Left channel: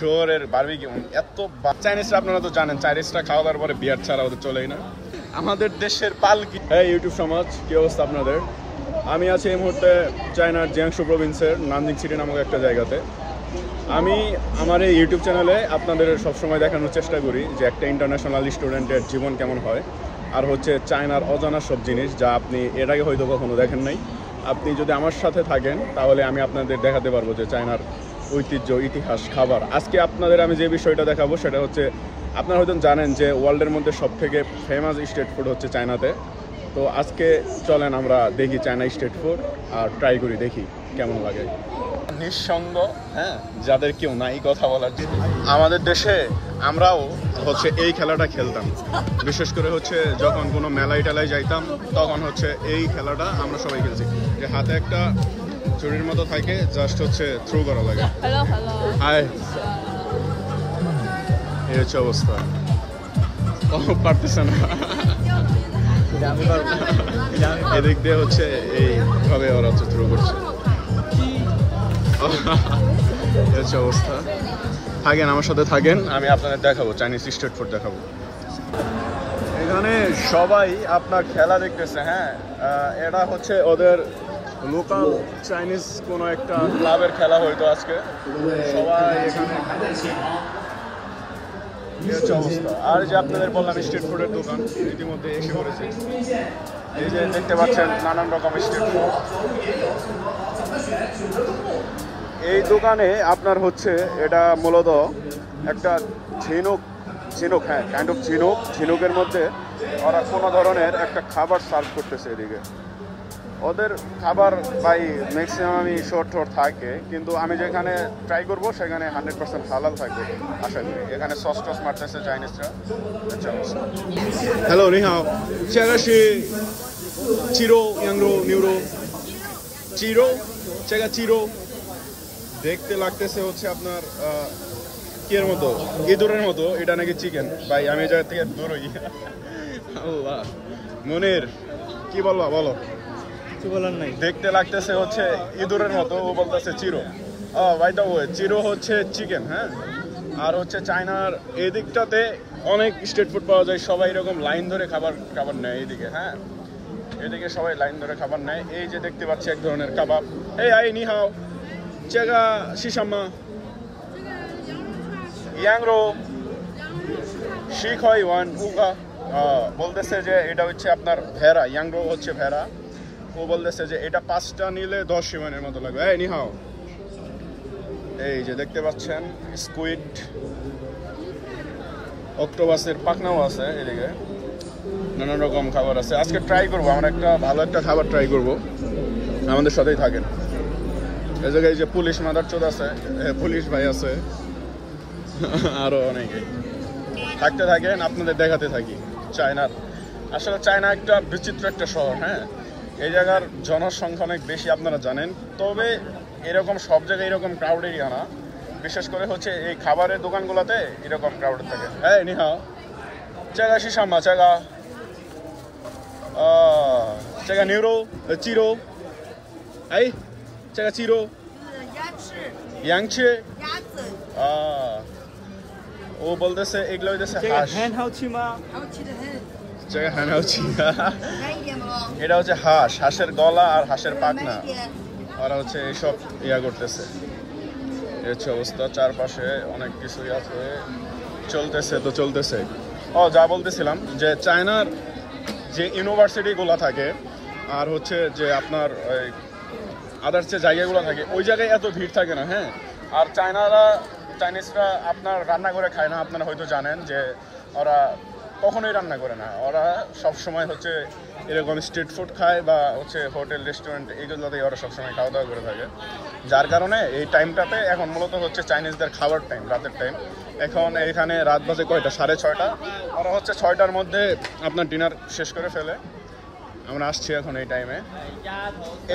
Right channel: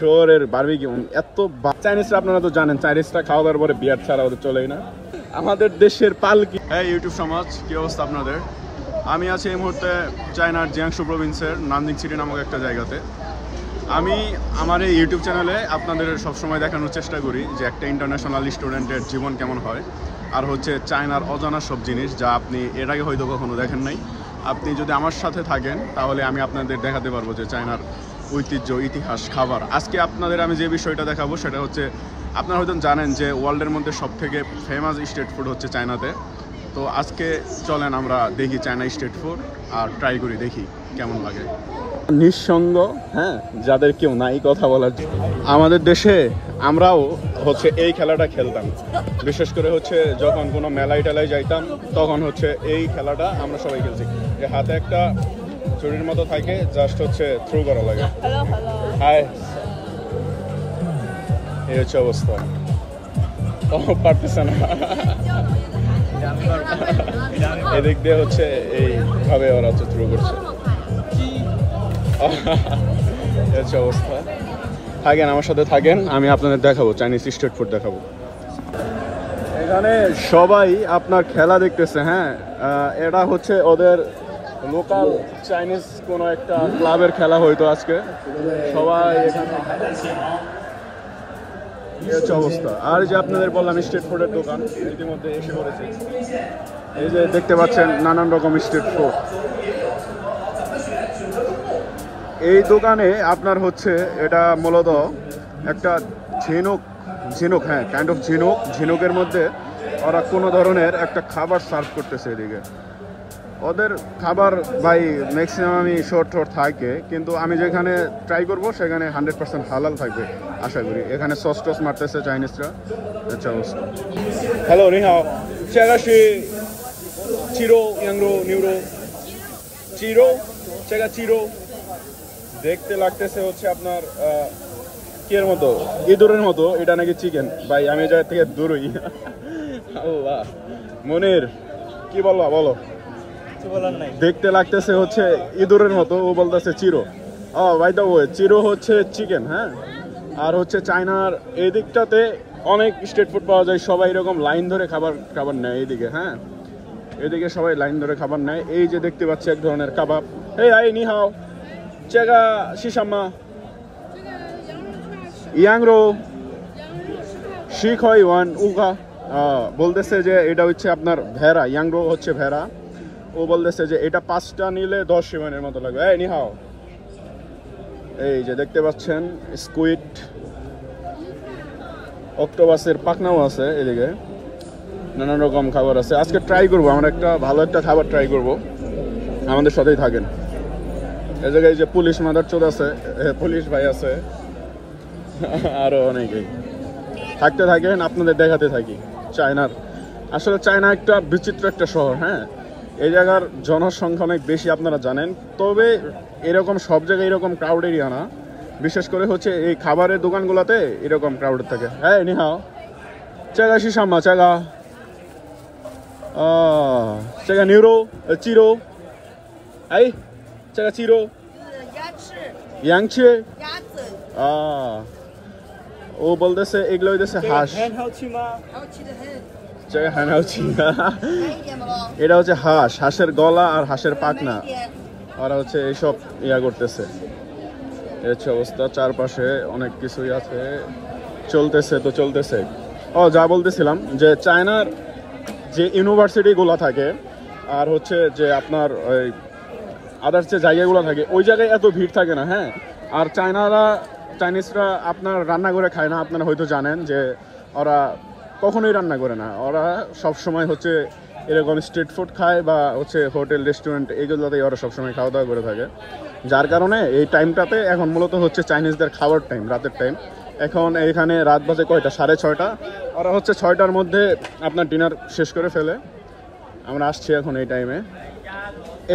শহরের বারবিকিউ এত চাইনিজরা আপনারা তো জানেন, চাইনিজরা খাওয়া দাওয়ার পরে বিয়ার ছাড়া ওদের চলেই না। আমাদের দেশের পালকি। হ্যাঁ ইউটিউব সমাজ, কি অবস্থা আপনাদের? আমি আছি এই মুহূর্তে চায়নার জিয়াংশু প্রভিন্সের নানজিং সিটি নামক একটা জায়গাতে। আমি আমার এই ইউটিউব চ্যানেলে আপনাদের সবসময় দেখানোর চেষ্টা করি যে একটা ইন্টারন্যাশনাল স্টুডেন্টের জীবন কেমন হয়, আর হচ্ছে চায়নার অজানা সব জিনিস যা আপনি এর আগে হয়তো কখনো দেখেন নাই। আপনি যদি আমার সাথে থাকেন তাহলে আমি আপনাদের দেখাতে পারবো যে চায়নার ঐতিহ্য, ইতিহাস, খাবার। আজকে আপনাদের আমি যে বিষয়টা দেখাবো সেটা হচ্ছে, আপনারা হয়তো জানেন যে ওয়ার্ল্ডের মধ্যে সবথেকে ফেমাস স্ট্রিট ফুড হচ্ছে চায়নাতে। তো আজকে চলেন আমরা দেখি চায়না স্ট্রিট ফুড আর ট্রাই করি, দেখি কেমন লাগে। নিঃসঙ্গ, হ্যাঁ, যাদের কেউ নাই কথা বলার। আমাদের দেশে আমরাও হচ্ছে এই খেলাটা খেলতাম, বিশেষ করে হচ্ছে যখন কোনো মেলায় টেলায় যাইতাম তখন হচ্ছে এই খেলাটা আমরা সবাই খেলছি, যে হাতে একটা চুরির মতো থাকে, জাস্ট হচ্ছে থ্রো করা লাগে। হাই, এই হচ্ছে অবস্থা। ও পারতেছে না, এদিক দিয়ে হচ্ছে এইভাবে ওরা হচ্ছে থ্রো করছে। এই হচ্ছে অবস্থা। থাকেন আমার সাথে, থাকেন, আমি আপনাদের দেখাবো চাইনিজ স্ট্রিট ফুড দেখাবো। এখানে সবাই আপনার খেলা দেখতেছে। হ্যাঁ, এটা হচ্ছে ওদের লোকাল চাইনিজ কোনো একটা ক্লাবের খেলা হয়তো আজকে। সবাই এখানে অবস্থা। আর যে আপনাদের বললাম স্ট্রিট ফুডের দোকান ইতিমধ্যে এসে পড়েছে। এই যে দেখতে পাচ্ছেন নানান রকম স্ট্রিট ফুড। এই দোকানে আপনার হচ্ছে এটা মূলত একটা ঝিনুক, হ্যাঁ, কাইন্ড অফ ঝিনুকের মধ্যে ওরা কোনো ধরনের একটা খাবার সার্ভ করতেছে। এদিকে ওদের খাবার ভাই ম্যাক্সিমাম আমি শর্ট থাকে, কিন্তু আমি যেখানে ট্রাই করবো সেখানে 100% হালাল থাকবে আশা করি। এখানে সস টস মারতেছে চাইনিজরা। Hello, নিহাও, চেগাশি চিরো ইয়াংরো neuro চিরো চেগা চিরো। দেখতে লাগতেছে হচ্ছে আপনার কিয়ের মতো, ইঁদুরের মতো। এটা নাকি চিকেন। ভাই আমি এই জায়গা থেকে দূরই। আল্লাহ, মনির কি বলবা বলো? দেখতে লাগতেছে হচ্ছে ইঁদুরের মতো, ও বলতেছে চিরো। ভাই দা, চিরো হচ্ছে চিকেন। হ্যাঁ, আর হচ্ছে চায়নার এই দিকটাতে অনেক স্ট্রিট ফুড পাওয়া যায়। সবাই এরকম লাইন ধরে খাবার নেয় এইদিকে। হ্যাঁ, এদিকে সবাই লাইন ধরে খাবার নেয়। এই যে দেখতে পাচ্ছি এক ধরনের কাবাব। এই আই নিহাও, চেগা শিশাম্মা ইয়াংরো শিখ হয় ওয়ান উগা। বলতেছে যে এটা হচ্ছে আপনার ভেড়া, ইয়াংরো হচ্ছে ভেড়া। ও বলতেছে যে এটা 5টা নিলে 10 ইউয়ানের মতো লাগবে। এই নিহাও, এই যে দেখতে পাচ্ছেন স্কুইড, অক্টোপাসের পাখনাও আছে এদিকে, নানান রকম খাবার আছে। আজকে ট্রাই করবো, আমরা একটা ভালো একটা খাবার ট্রাই করব। আমাদের সাথেই থাকেন। এই জায়গায় যে পুলিশ মাদারচোদ আছে, পুলিশ ভাই আছে, আরো অনেকেই। থাকতে থাকেন, আপনাদের দেখাতে থাকি চায়নার। আসলে চায়না একটা বিচিত্র একটা শহর। হ্যাঁ, এই জায়গার জনসংখ্যা অনেক বেশি, আপনারা জানেন। তবে এরকম সব জায়গায় এরকম ক্রাউড এরিয়া না। বিশেষ করে হচ্ছে এই খাবারের দোকানগুলোতে এরকম ক্রাউড থাকে। হ্যাঁ নিহাও, চেগা শিশাম্মা চেগা চেগা নিউরো চিরো এই চেগা চিরো ইয়াংচি। ও বলতেছে এগুলো হইতেছে হাঁস। এটা হচ্ছে হাঁস, হাঁসের গলা আর হাঁসের পাখনা। ওরা হচ্ছে এইসব ইয়া করতেছে। এই হচ্ছে অবস্থা। চারপাশে অনেক কিছুই আছে, চলতেছে। যা বলতেছিলাম যে চায়নার যে ইউনিভার্সিটিগুলো থাকে আর হচ্ছে যে আপনার আদার্স যে জায়গাগুলো থাকে, ওই জায়গায় এত ভিড় থাকে না। হ্যাঁ, আর চাইনিজরা আপনার রান্না করে খায় না। আপনারা হয়তো জানেন যে ওরা কখনোই রান্না করে না। ওরা সবসময় হচ্ছে এরকম স্ট্রিট ফুড খায় বা হচ্ছে হোটেল রেস্টুরেন্ট, এইগুলোতেই ওরা সবসময় খাওয়া দাওয়া করে থাকে। যার কারণে এই টাইমটাতে এখন মূলত হচ্ছে চাইনিজদের খাবার টাইম, রাতের টাইম। এখন এখানে রাত বাজে কয়টা? 6:30। ওরা হচ্ছে 6টার মধ্যে আপনার ডিনার শেষ করে ফেলে। আমরা আসছি এখন এই টাইমে।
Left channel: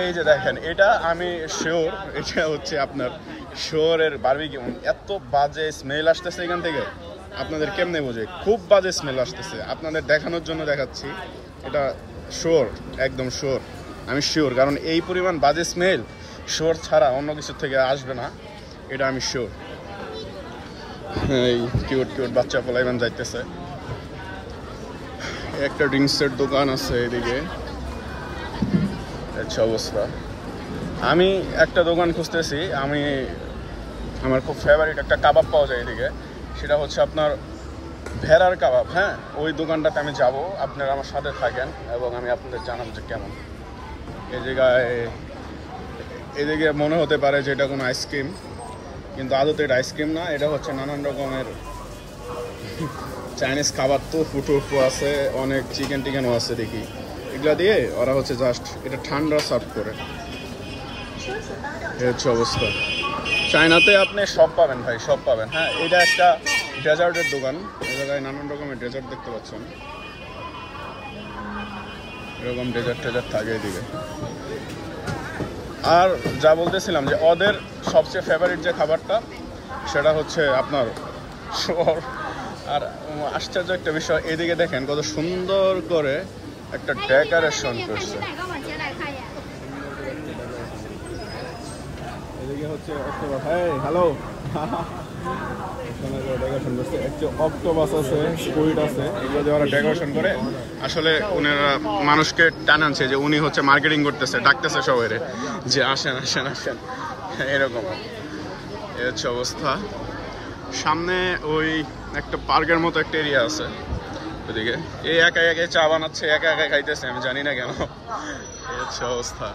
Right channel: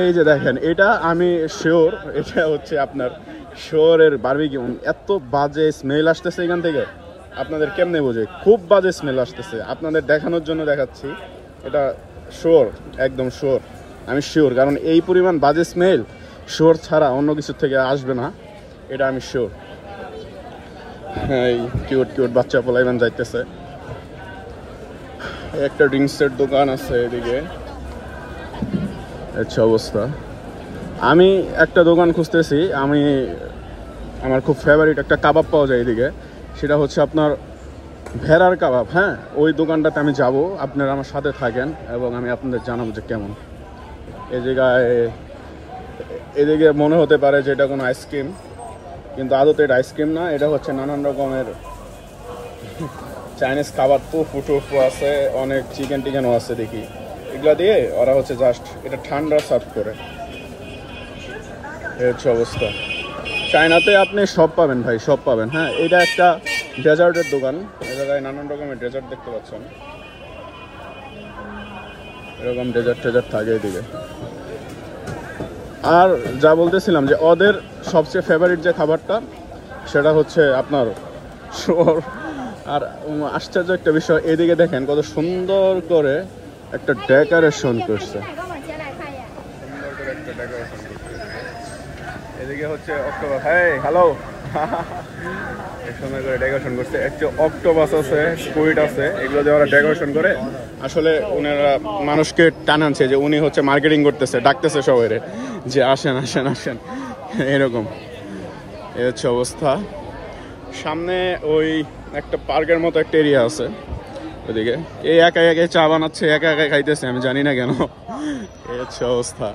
এই যে দেখেন, এটা আমি শিওর এটা হচ্ছে আপনার শহরের বারবিকিউ। এত বাজে স্মেল আসতেছে এখান থেকে, আপনাদের কেমনে বোঝে? খুব বাজে স্মেল আসতেছে। আপনাদের দেখানোর জন্য দেখাচ্ছি। এটা শিওর, একদম শিওর, আমি শিওর। কারণ এই পরিমাণ বাজে স্মেল শিওর ছাড়া অন্য কিছু থেকে আসবে না, এটা আমি শিওর। এই কিউট কিউট বাচ্চা পোলাইমান যাইতেছে। একটা ড্রিঙ্কসের দোকান আছে এদিকে, আচ্ছা অবস্থা। আমি একটা দোকান খুঁজতেছি, আমার খুব ফেভারিট একটা কাবাব পাওয়া যায় এদিকে, সেটা হচ্ছে আপনার ভেড়ার কাবাব। হ্যাঁ, ওই দোকানটাতে আমি যাব, আপনারা আমার সাথে থাকেন এবং আমি আপনাদের জানাবো যে কেমন। এই জায়গায় এদিকে মনে হতে পারে যে এটা কোনো আইসক্রিম, কিন্তু আদতে এটা আইসক্রিম না, এটা হচ্ছে নানান রকমের চাইনিজ খাবার। তো ফুটো আছে, অনেক চিকেন টিকেনও আছে দেখি। এগুলা দিয়ে ওরা হচ্ছে জাস্ট এটা ঠান্ডা সার্ভ করে। এই হচ্ছে অবস্থা। চায়নাতে আপনি সব পাবেন ভাই, সব পাবেন। হ্যাঁ, এটা একটা ডেজার্টের দোকান, এই জায়গায় নানান রকমের ডেজার্ট দেখতে পাচ্ছেন। এরকম ডেজার্ট টেজার্ট থাকে এদিকে। আর যা বলতেছিলাম যে ওদের সবচেয়ে ফেভারিট যে খাবারটা সেটা হচ্ছে আপনার। আর আশ্চর্য একটা বিষয়, এদিকে দেখেন কত সুন্দর করে একটা ডেকোরেশন করছে। এদিকে হচ্ছে অক্টোপাস। হ্যাঁ হ্যালো, সুন্দর করে ডেকোরেশন করছে। একটু অক্টোপাস আছে, স্কুইড আছে, এগুলো দিয়ে ওরা ডেকোরেশন করে। আসলে ওনারা মানুষকে টানাচ্ছে যে উনি হচ্ছে মার্কেটিং করতেছে, ডাকতেছে সবাই যে আসেন আসেন আসেন, এরকম। এই হচ্ছে অবস্থা। সামনে ওই একটা পার্কের মতো একটা এরিয়া আছে ওইদিকে। এই একা একাই চা বানাচ্ছে, একা একাই খাইতেছে, আমি জানি না কেন। এই হচ্ছে অবস্থা।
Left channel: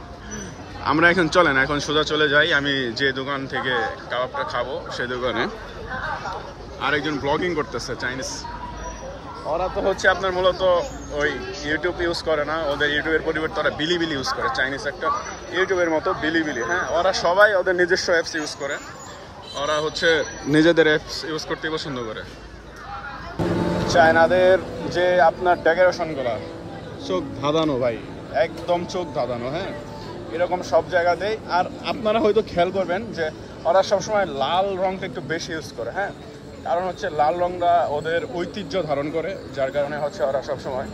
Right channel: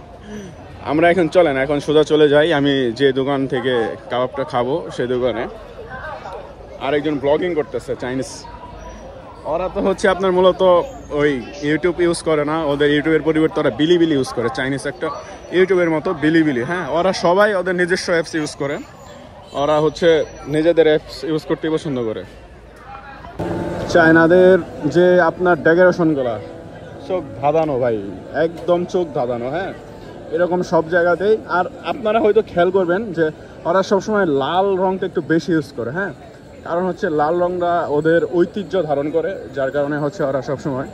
আমরা এখন চলেন, এখন সোজা চলে যাই আমি যে দোকান থেকে কাবাবটা খাবো সেই দোকানে। আরেকজন ব্লগিং করতেছে চাইনিজ। ওরা তো হচ্ছে আপনার মূলত ওই ইউটিউব ইউজ করে না, ওদের ইউটিউবের পরিবর্তে ওরা বিলিবিলি ইউজ করে। চাইনিজ একটা ইউটিউবের মতো বিলিবিলি। হ্যাঁ, ওরা সবাই ওদের নিজস্ব অ্যাপস ইউজ করে, ওরা হচ্ছে নিজেদের অ্যাপস ইউজ করতে পছন্দ করে। চায়নাদের যে আপনার ডেকোরেশনগুলা চোখ ধাঁধানো ভাই, একদম চোখ ধাঁধানো। হ্যাঁ, এরকম সব জায়গাতেই। আর আপনারা হয়তো খেয়াল করবেন যে ওরা সবসময় লাল রঙটা একটু বেশি ইউজ করে। হ্যাঁ, কারণ হচ্ছে লাল রঙটা ওদের ঐতিহ্য ধারণ করে, যার কারণে হচ্ছে ওরা সবসময়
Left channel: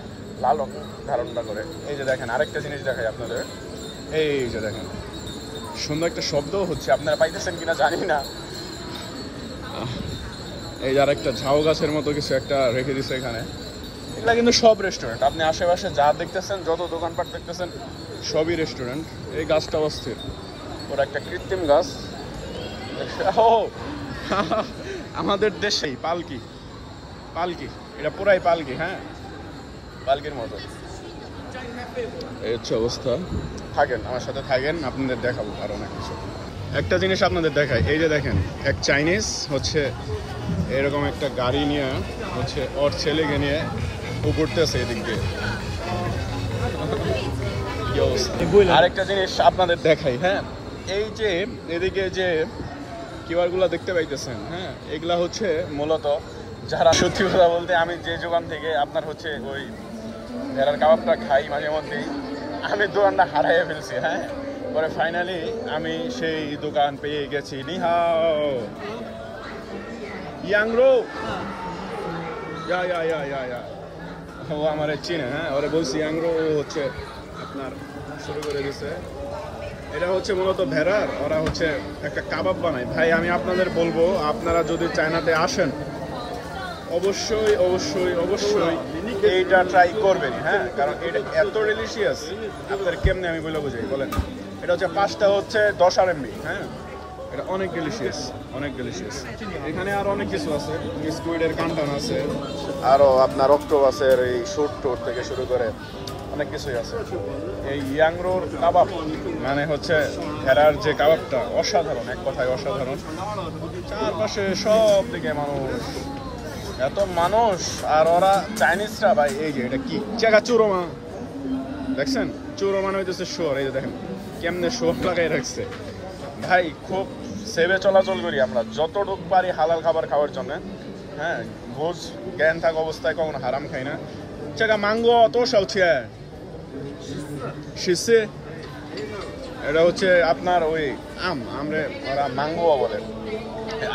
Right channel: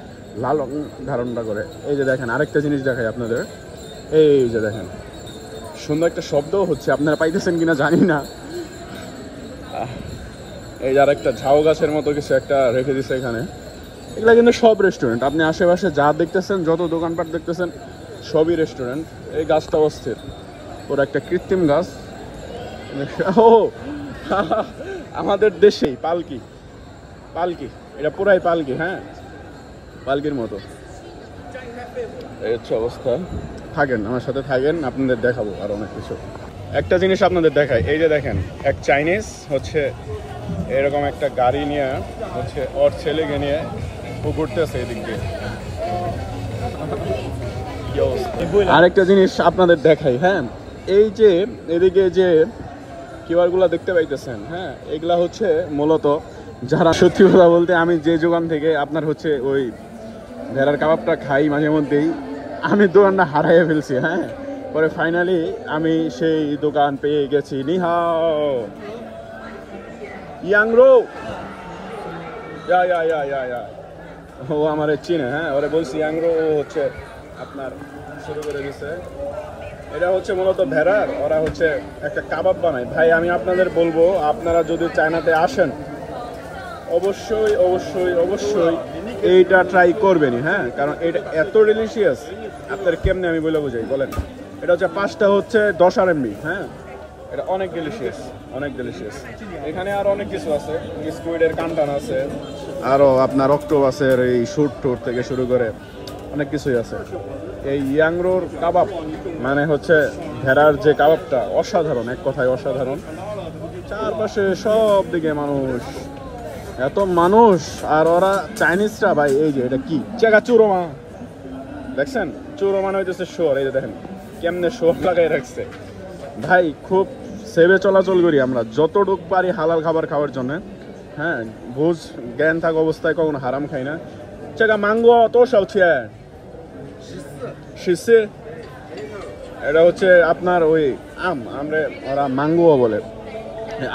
লাল রঙ ধারণটা করে। এই যে দেখেন, আরেকটা জিনিস দেখাই আপনাদের। এই যে দেখেন, সুন্দর একটা শব্দও হচ্ছে, আপনারা পাইতেছেন কিনা জানি না। এই যে আরেকটা ঝাউ গাছের মতো কিছু একটা রেখে দিছে এখানে। এগুলো কিন্তু সব রেস্টুরেন্ট, আপনি আশেপাশে যা দেখতেছেন, যত দোকানপাট দেখতেছেন, সবই রেস্টুরেন্ট। এই গাছটা অস্থির, ওরা একটা কৃত্রিম গাছ। ও আমাদের দেশেই পালকি, পালকি, এটা পুরাই পালকি। হ্যাঁ, পালকির মতো। এই হচ্ছে অবস্থা। থাকেন আমার সাথে, থাকেন, আপনাদের দেখাবো আর অনেক কিছু। একটা জিনিস আপনাদের দেখাই, এই যে দেখেন, এক চাইনিজ হচ্ছে এরকম একটা গাড়ি নিয়ে হচ্ছে ওর ছেলেকে নিয়ে ঘুরতেছে এদিক দিয়ে। আরেকটা জিনিস আপনাদের দেখাই। হ্যাঁ, এই যে এদিকে যে কিউআর গুলা দেখতে পাইতেছেন, হ্যাঁ, এগুলা হচ্ছে মূলত যারা, সত্যি কথা বলতে আমি যে দোকান থেকে আপনার হচ্ছে ওই ভেড়ার কাবাবটা খাই মাঝে মধ্যেই, আমি দোকানটা হারাইয়ে ফেলছি। হ্যাঁ, পরে ফাইনালি আমি সেই দোকান পেয়ে গেছি। নিহাও ইয়াংরো, ইয়া ইয়া ইয়া ইয়া ইয়া, ও আমার চিনে। হ্যাঁ, ওরে বলছি ইয়াংরো, ও হচ্ছে আপনার শুরু করে দিছে। এটা হচ্ছে মূলত ভেড়ার, ওরা হচ্ছে একটা কাবাব বানায়। ভাই আমি আপনাদের বলবো, আপনারা যদি চায়নাতে আসেন অবশ্যই অবশ্যই অবশ্যই এইটা ট্রাই করবেন। হ্যাঁ, কারণ এটা এত ডিলিশিয়াস, আপনার কেমনে আমি বলে বুঝাই বলেন। এটা হচ্ছে 5টা হচ্ছে 10 RMB। হ্যাঁ, এটা অনেক ডিলিশিয়াস, অনেক ডিলিশিয়াস। এখানে আরো অনেক কিছু আছে, স্কুইডের কান্টান আছে, আরো আপনার অক্টোপাসের এই শুট টুট থেকে শুরু করে অনেক কিছুই আছে। এই ইয়াংরো কাবাব মানে হচ্ছে ভেড়ার যে কাবাবটা, অসাধারণ, এক কথায় অসাধারণ। চারপাশে সব দিকে মানুষ, এত মানুষ। আর ওরা চাইনিজরা ভাই, এই যে এটা কি জায়গা, চুরোমা দেখছেন? চুরোমা হইতেছে শোর। এই যে দেখেন কেমনে শোর লাগাই রাখছে ভাই। খুব সেভে চলাচল করি আমরা, যতটুক পারি হালাল খাবার খাওয়ার জন্য। হ্যাঁ, বুঝ জ্ঞান থাক অবস্থায় কখনো হারাম খাই না। জায়গা মাঙ্গো তো সলছে শিশে, এটা হচ্ছে আপনার ওই আম, আমরা ওরা মাঙ্গুয়া বলে।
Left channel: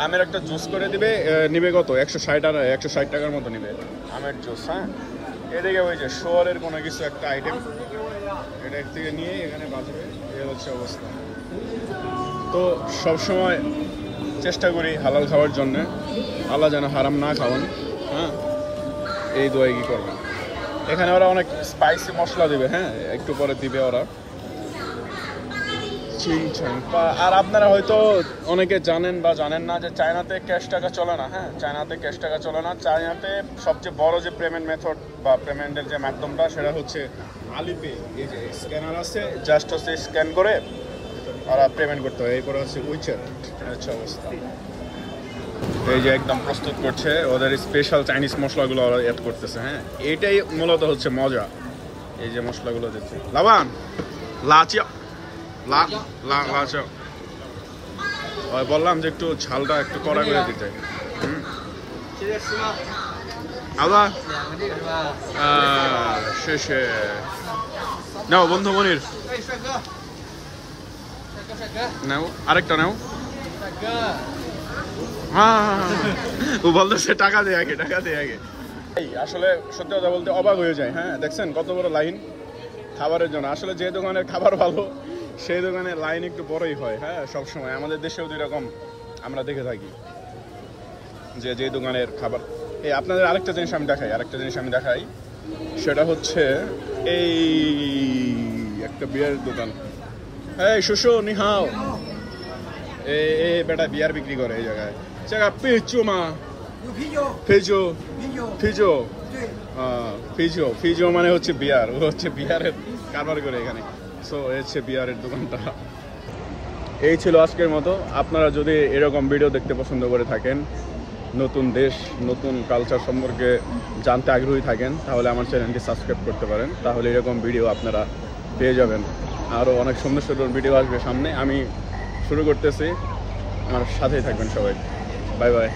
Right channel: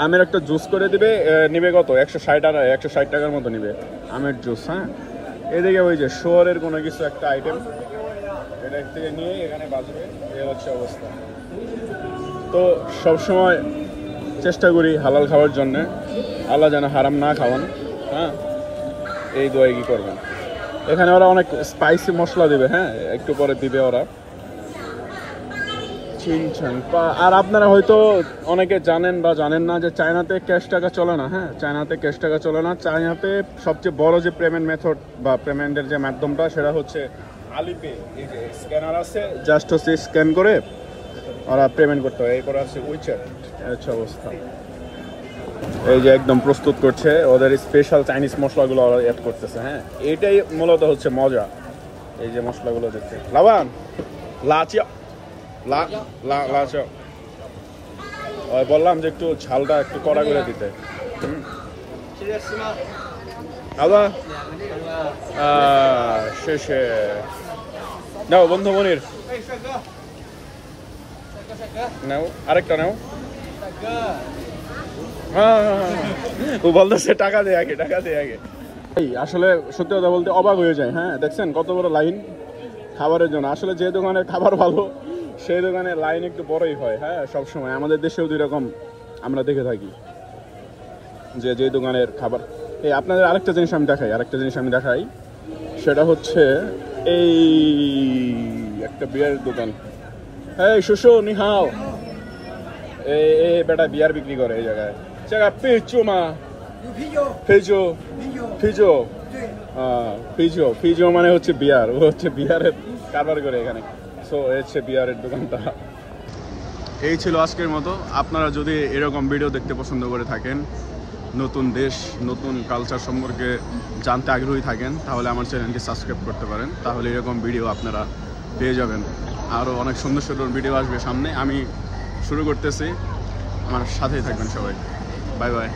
আমের একটা জুস করে দিবে, নিবে কত 160 টাকার মতো নিবে আমের জুস। হ্যাঁ, এদিকে ওই যে শহরের কোনো কিছু একটা আইটেম, এটা থেকে নিয়ে এখানে বাজবে। এর হচ্ছে অবস্থা। তো সবসময় চেষ্টা করি হালাল খাওয়ার জন্য, আল্লাহ যেন হারাম না খাওয়ান। হ্যাঁ, এই দোয়াই কি করবেন। এখানে ওরা অনেক স্পাইসি মশলা দিবে, হ্যাঁ একটু পরে দিবে ওরা। আর আপনারা হয়তো অনেকে জানেন বা জানেন না যে চায়নাতে ক্যাশ টাকা চলে না। হ্যাঁ, চায়নাতে ক্যাশ টাকা চলে না। চায়নাতে সবচেয়ে বড় যে পেমেন্ট মেথড বা পেমেন্টের যে মাধ্যমটা সেটা হচ্ছে আলিপে। এই যে স্ক্যানার আছে, জাস্ট হচ্ছে স্ক্যান করে ওরা পেমেন্ট করতে হয়। এরপর আছে উইচ্যাট। আচ্ছা অবস্থা, এই যে একদম প্রস্তুত করছে, ওদের স্পেশাল চাইনিজ মশলাগুলো ওরা অ্যাড করতেছে। হ্যাঁ, এটাই মূলত হচ্ছে মজা। এই যে মশলাগুলো দিচ্ছে, লাবান লাচিয়া বললাম যে একটু ঝালটা একটু কড়া করে দিতে। আবার শেষে নাও বন্ধু মনির, নাও আরেকটা নাও। ও বলতেছে টাকা দে আগে, টাকা দে আগে। আসলে সত্যি কথা বলতে অবাক হয়ে যায়। হ্যাঁ, দেখছেন কত বড় লাইন খাবারের জন্য। আসলে যে দোকানের খাবার ভালো সেই দোকানে লাইন একটু বড়ই হয়। হ্যাঁ, সবসময় আমাদের দেশেও দুরকম আমরা দেখে থাকি যে যে দোকানের খাবার। এই আপনাদের আরেকটা জিনিস আমি দেখাই, সেটা হচ্ছে এই একটা বিয়ারের দোকান। এই শুশু নিহাও, এই বেটা বিয়ার বিক্রি করে এই জায়গায়। পিচু মা ফিজো ফিজো ফিজো ফিজো মানে হচ্ছে বিয়ার। ও হচ্ছে বিয়ারের কারবার করে এখানে। সো হচ্ছে বিয়ারের দোকানটা। এই ছিল আজকের মতো। আপনারা যদি এরকম ভিডিও দেখতে পছন্দ করে থাকেন, নতুন দেশ নতুন কালচার সম্পর্কে জানতে আগ্রহী থাকেন, তাহলে আমার চ্যানেলটি সাবস্ক্রাইব করতে পারেন। তাহলে এরকম ভিডিও আপনারা পেয়ে যাবেন। আরও অনেক সুন্দর সুন্দর ভিডিও আসবে সামনে। আমি শুরু করতেছি, আমার সাথেই থাকবেন সবাই। Bye bye.